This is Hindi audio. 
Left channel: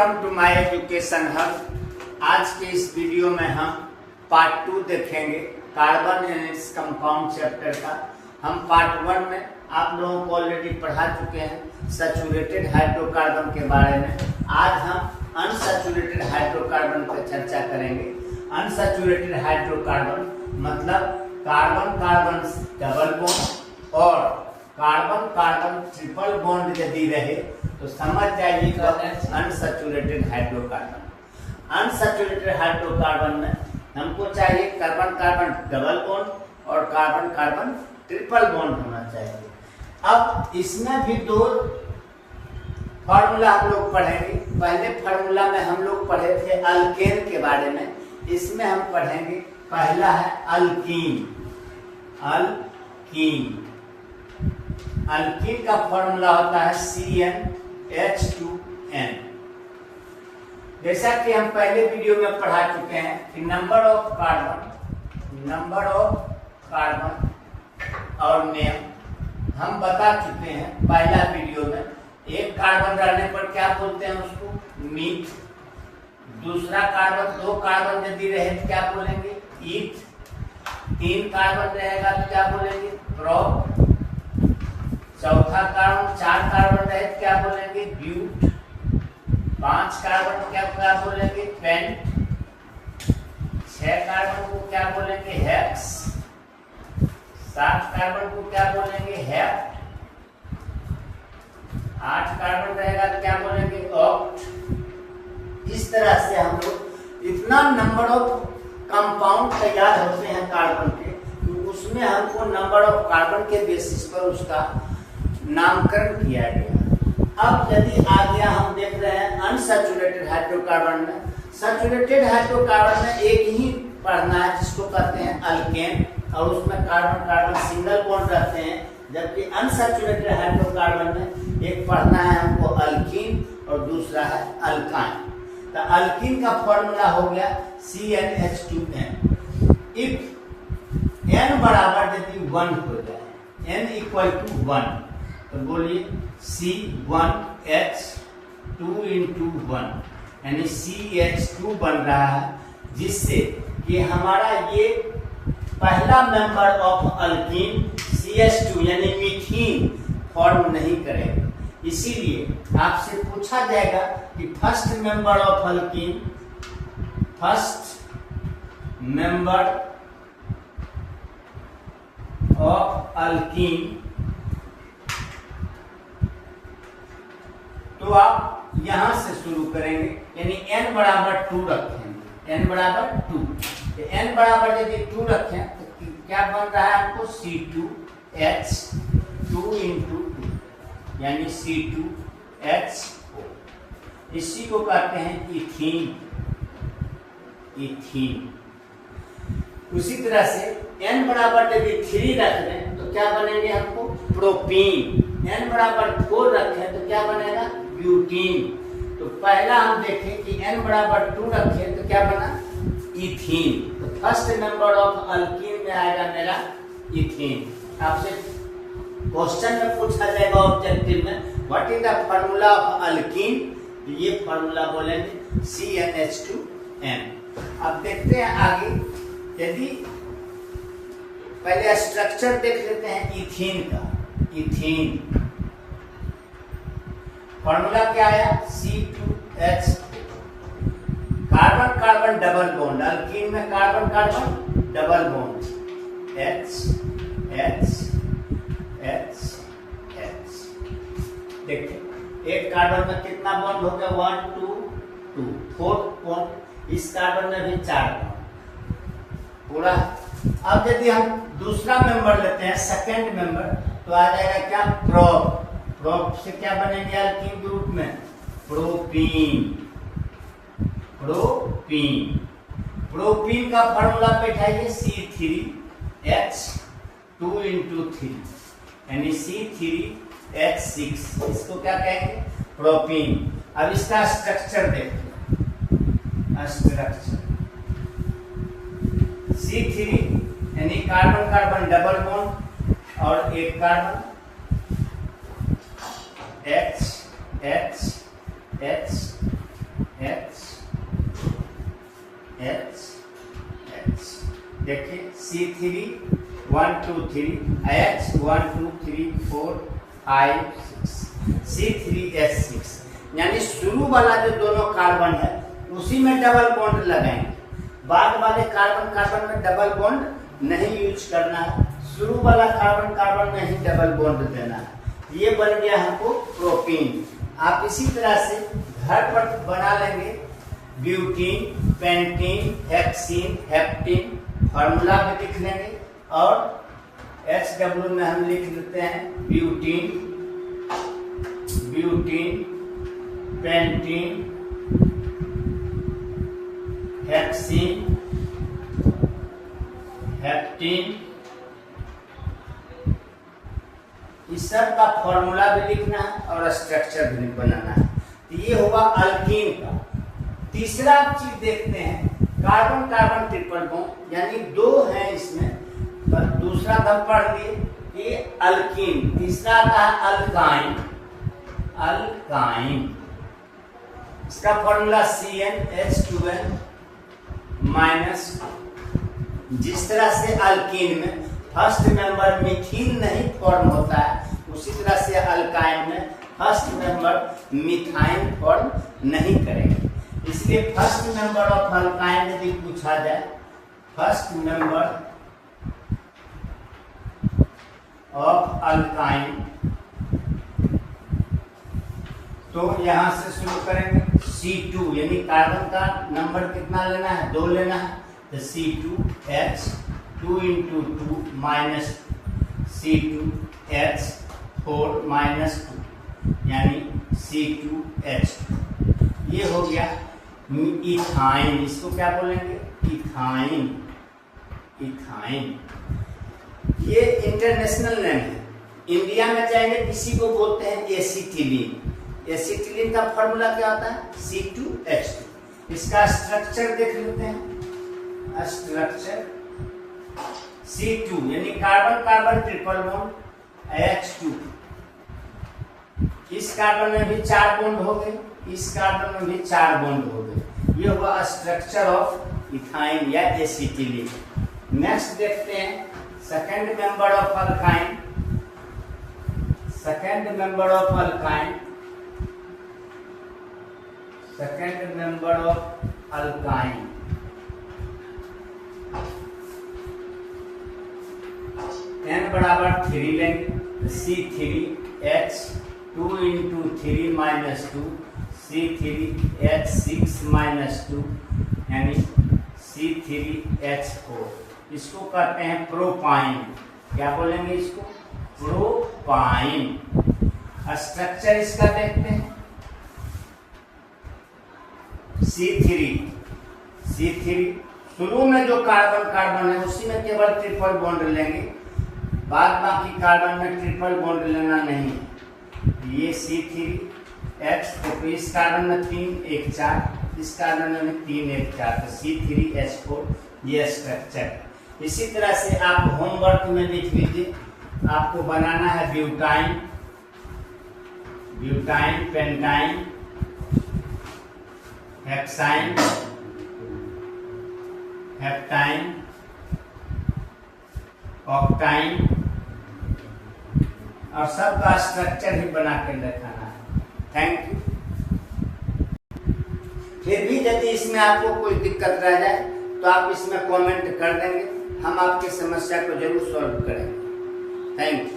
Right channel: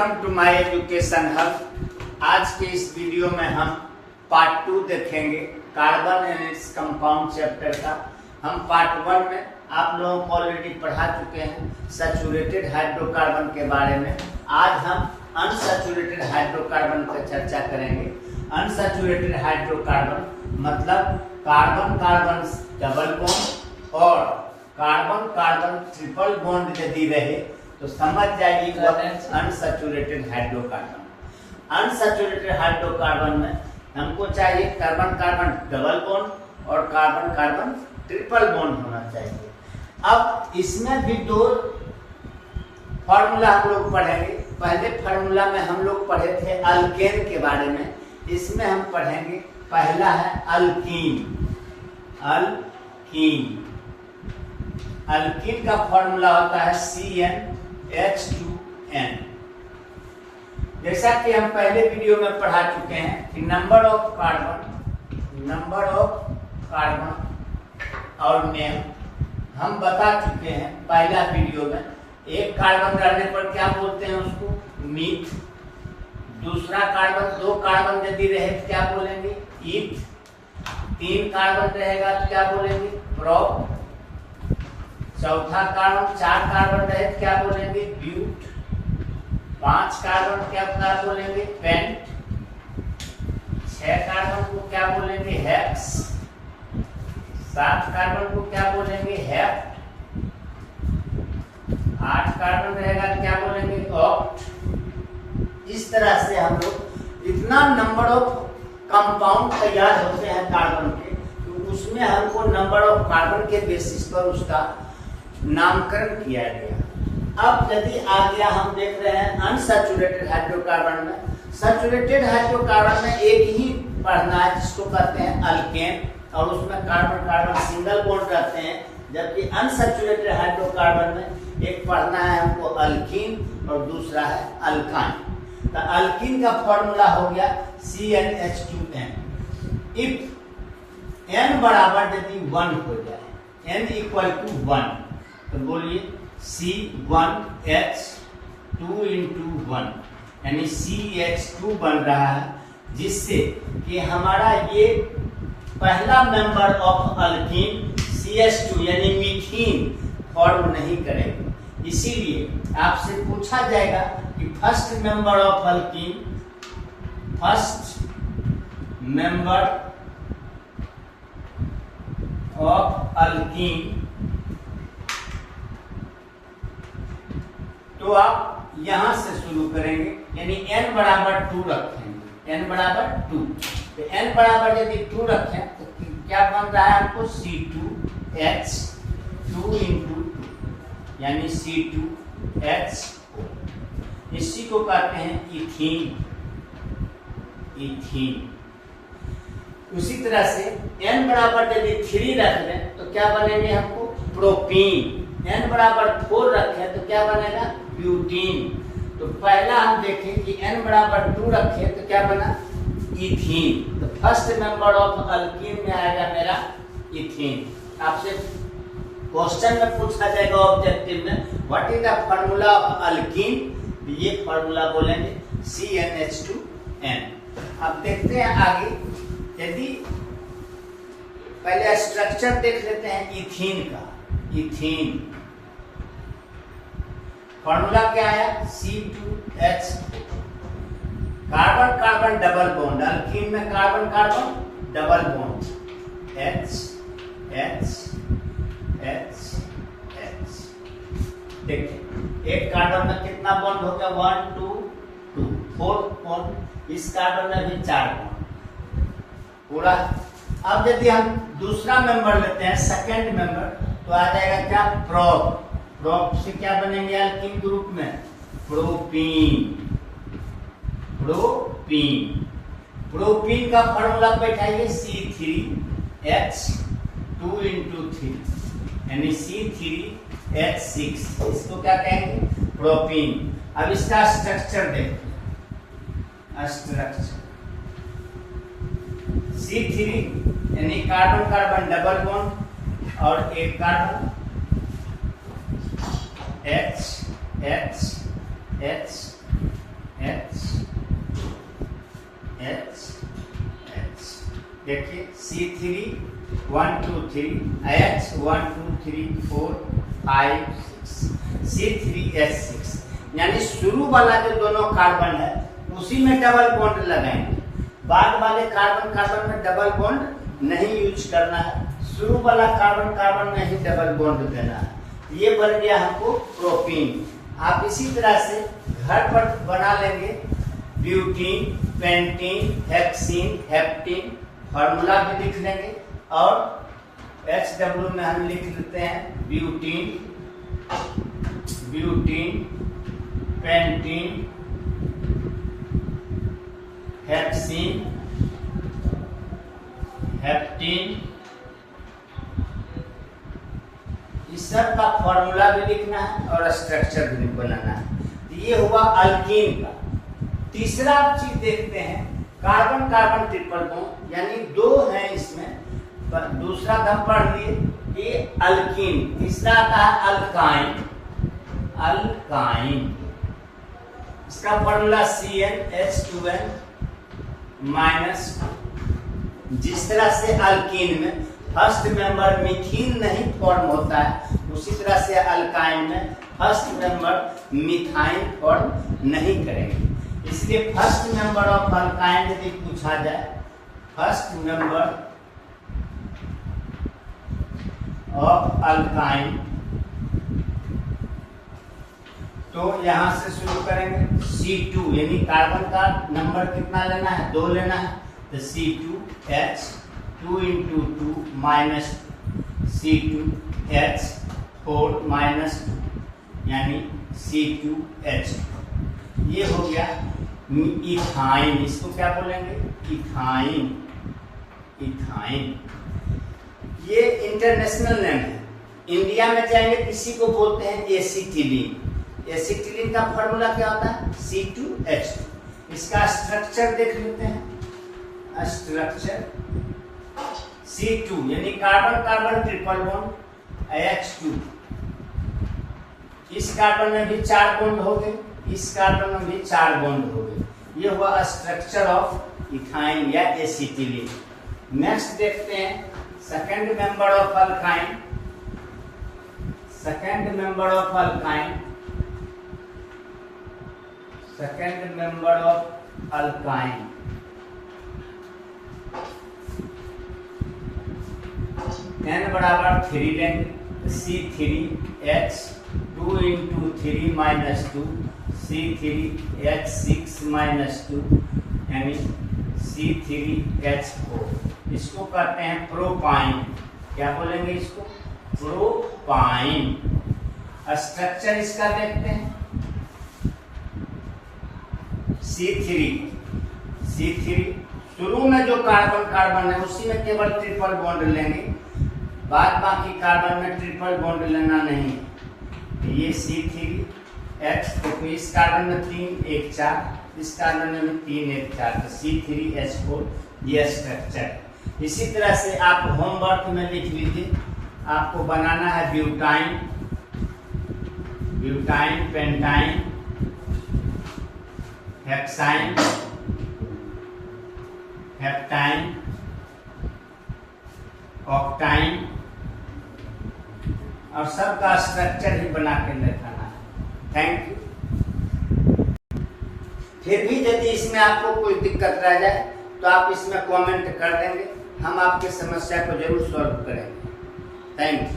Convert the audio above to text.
Welcome to my education hub. आज के इस वीडियो में हम पार्ट 2 देखेंगे carbon and its compound chapter का। हम पार्ट 1 में आप लोगों को ऑलरेडी पढ़ा चुके हैं सैचुरेटेड हाइड्रोकार्बन के बारे में। आज हम अनसैचुरेटेड हाइड्रोकार्बन पर चर्चा करेंगे। अनसैचुरेटेड हाइड्रोकार्बन मतलब कार्बन कार्बन डबल बॉन्ड और कार्बन कार्बन ट्रिपल बॉन्ड यदि रहे तो समझ जाइए अनसैचुरेटेड हाइड्रोकार्बन। अनसैचुरेटेड हाइड्रोकार्बन में हमको चाहिए कार्बन कार्बन डबल बॉन्ड और कार्बन कार्बन ट्रिपल बॉन्ड होना चाहिए। अब इसमें भी दो फार्मूला हम लोग पढ़ेंगे। पहले फार्मूला में हम लोग पढ़े थे अल्केन के बारे में, इसमें हम पढ़ेंगे पहला है अल्कीन। अल्कीन अल्कीन का फॉर्मूला होता है CnH2n। जैसा कि हम पहले वीडियो में पढ़ा चुके हैं कि नंबर ऑफ कार्बन और नेम हम बता चुके हैं पहला वीडियो में। एक कार्बन रहने पर क्या बोलते हैं उसको मीथ। दूसरा कार्बन दो कार्बन यदि रहे तो क्या बोलेंगे ईथ। तीन कार्बन रहेगा तो क्या बोलेंगे प्रोप। चौथा कार्बन चार कार्बन रहे तो क्या बोलेंगे ब्यूट। पांच कार्बन क्या बोलेंगे पेंट। छह कार्बन को क्या बोलेंगे हेक्स। सात कार्बन को क्या बोलेंगे हेप्ट। आठ कार्बन रहेगा तो क्या बोलेंगे ऑक्ट। इस तरह से हम लोग इतना नंबर ऑफ कंपाउंड तैयार होते हैं कार्बन के, तो उसमें हमको नंबर ऑफ कार्बन के बेसिस पर उसका नामकरण किया गया। अब यदि आ गया हम देख रहे हैं अनसैचुरेटेड हाइड्रोकार्बन में। सैचुरेटेड हाइड्रोकार्बन में एक ही पढ़ना है जिसको कहते हैं अल्केन और उसमें कार्बन कार्बन सिंगल बॉन्ड रहते हैं, जबकि अनसैचुरेटेड हाइड्रोकार्बन में एक पढ़ना है हमको अल्कीन और दूसरा है अल्काइन। तो अल्कीन का फॉर्मूला हो गया CnH2n। इफ n बराबर यदि 1 हो जाए, n इक्वल टू 1, तो बोलिए C1H2 × 1 यानी CH2 बन रहा है, जिससे कि हमारा ये पहला मेंबर ऑफ अल्कीन CH2 यानी मीथीन फॉर्म नहीं करेगा। इसीलिए आपसे पूछा जाएगा कि first member of alkyne, first member of alkyne, तो आप यहां से शुरू करेंगे यानी n बराबर 2 रखेंगे। n बराबर 2, तो n बराबर यदि 2 रखें तो क्या बन रहा है आपको C2H2 × 2 यानी C2H4। इसी को कहते हैं इथीन। इथीन। उसी तरह से n बराबर यदि 3 रख लें तो क्या बनेंगे हमको प्रोपीन। n बराबर 4 रखें तो क्या बनेगा ब्यूटीन। तो पहला हम देखें कि n बराबर 2 रखें तो क्या बना इथीन। तो फर्स्ट मेंबर ऑफ अल्कीन में आएगा मेरा इथीन। आपसे क्वेश्चन में पूछा जाएगा ऑब्जेक्टिव में what is the formula of alkyne, तो ये फार्मूला बोलेंगे CnH2n। अब देखते हैं आगे। यदि पहले स्ट्रक्चर देख लेते हैं इथीन का। इथीन फॉर्मूला क्या है C2H। Carbon carbon double bond, alkene में carbon carbon double bond H H H H। देखिए एक कार्बन में कितना बॉन्ड हो गया 1 2 2, फोर्थ बॉन्ड। इस कार्बन में भी 4 बॉन्ड पूरा। अब यदि हम दूसरा मेंबर लेते हैं सेकेंड मेंबर, तो आ जाएगा क्या प्रोप। प्रोप से क्या बनेंगे अल्कीन ग्रुप में प्रोपीन। प्रोपीन प्रोपीन का फॉर्मूला बैठाइए C3H2 × 3 यानी C3H6। इसको क्या कहेंगे प्रोपीन। अब इसका स्ट्रक्चर देखिए। स्ट्रक्चर C3 यानी कार्बन कार्बन डबल बॉन्ड और एक carbon H H H H H H। देखिए C3 1 2 3 H 1 2 3 4 5 6 C3H6, यानी शुरू वाला जो दोनों कार्बन है उसी में डबल बॉन्ड लगाएंगे। बाद वाले कार्बन कार्बन में डबल बॉन्ड नहीं यूज करना है, शुरू वाला कार्बन कार्बन में ही डबल बॉन्ड देना है। ये बन गया हमको प्रोपीन। आप इसी तरह से घर पर बना लेंगे ब्यूटीन, पेंटीन, हेक्सीन, हेप्टीन, फॉर्मूला भी लिख लेंगे और HW में हम लिख लेते हैं ब्यूटीन, ब्यूटीन, पेंटीन, हेक्सीन, हेप्टीन। इस सब का फॉर्मूला भी लिखना है और स्ट्रक्चर भी बनाना है। तो ये हुआ अल्कीन का। तीसरा चीज देखते हैं कार्बन कार्बन ट्रिपल बॉन्ड, यानी दो हैं इसमें, पर दूसरा हम पढ़ लिए ये अल्कीन। तीसरा आता है अल्काइन, अल्काइन। इसका फॉर्मूला CnH2n माइनस। जिस तरह से अल्कीन में फर्स्ट मेंबर मिथीन नहीं फॉर्म होता है, उसी तरह से अल्काइन में फर्स्ट मेंबर मिथाइन फॉर्म नहीं करेंगे। इसलिए फर्स्ट मेंबर ऑफ अल्काइन यदि पूछा जाए, फर्स्ट मेंबर ऑफ अल्काइन, तो यहां से शुरू करेंगे C2, यानी कार्बन का नंबर कितना लेना है, 2 लेना है, तो C2H 2 into 2 minus C2H4 minus 2, यानी C2H। ये हो गया इथाइन। इसको क्या बोलेंगे, इथाइन, इथाइन। ये इंटरनेशनल नेम है। इंडिया में जाएंगे किसी को बोलते हैं एसिटिलीन। एसिटिलीन का फॉर्मूला क्या होता है, C2H2। इसका स्ट्रक्चर देख लेते हैं। स्ट्रक्चर C2 यानी carbon carbon triple bond H2। इस कार्बन में भी 4 बॉन्ड हो गए, इस कार्बन में भी 4 बॉन्ड हो गए। ये हुआ स्ट्रक्चर ऑफ इथाइन या एसिटिलीन। नेक्स्ट देखते हैं second member of alkyne. Second member of alkyne, second member of alkyne n बराबर 3 लेंगे, C3H 2 into 3 minus 2 C3H6 minus 2 यानी C3H4। इसको कहते हैं प्रोपाइन। क्या बोलेंगे इसको, प्रोपाइन। स्ट्रक्चर इसका देखते हैं C3 शुरू में जो कार्बन कार्बन है उसी में केवल ट्रिपल बॉन्ड लेंगे, बाद बाकी कार्बन में ट्रिपल बॉन्ड लेना नहीं है। ये C3H, तो इस कार्बन में 3 1 4, इस कार्बन में 3 1 4, तो C3H4 ये स्ट्रक्चर। इसी तरह से आप होमवर्क में लिख लीजिए। आपको बनाना है butyne, butyne, pentyne, hexyne, heptyne, ऑक्टाइन, और सबका स्ट्रक्चर ही बना के दिखाना है। Thank you. फिर भी यदि इसमें आपको कोई दिक्कत रह जाए तो आप इसमें कमेंट कर देंगे, हम आपकी समस्या को जरूर सॉल्व करेंगे। Thank you.